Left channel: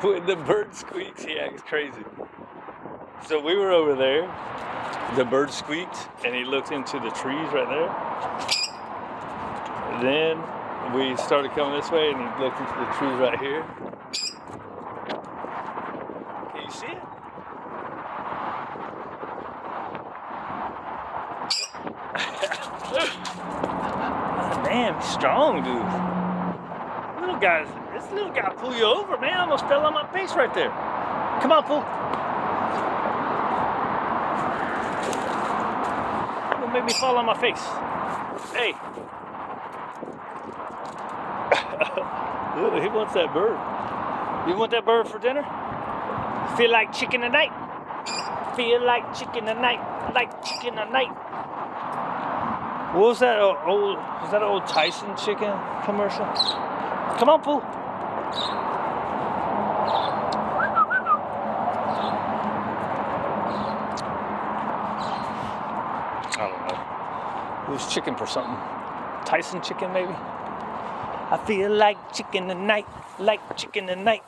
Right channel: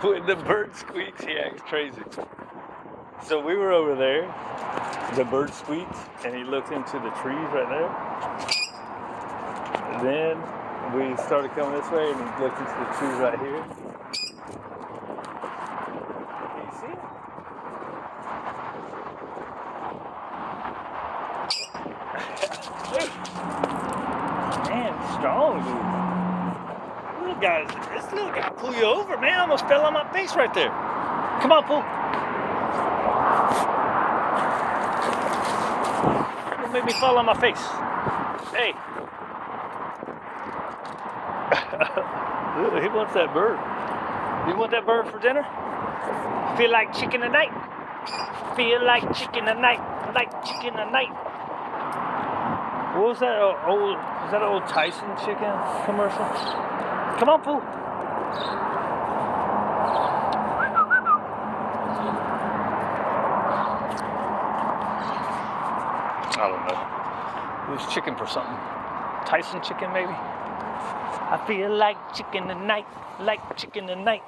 When the bird squeaks, he acts crazy. So we were over there. The bird squeaked, and he looked into the trees right there. Then we started coming this way, and he looked into the trees right here. Can you see it? Man, he's strong, dude. Little guys, this little guy pull you over, man. I almost fell on my face right there. Come on, Pooh. Don't make me fall on my face. Hey. He wants that bird. You want that bird for dinner? Feel like chicken tonight? Feel like chicken tonight? Like chicken tonight? What was that old? Was that an old Tyson chicken commercial? Come on, Pooh. I don't know. It was chicken for something. Tyson chicken, maybe? I feel like chicken tonight, like chicken tonight.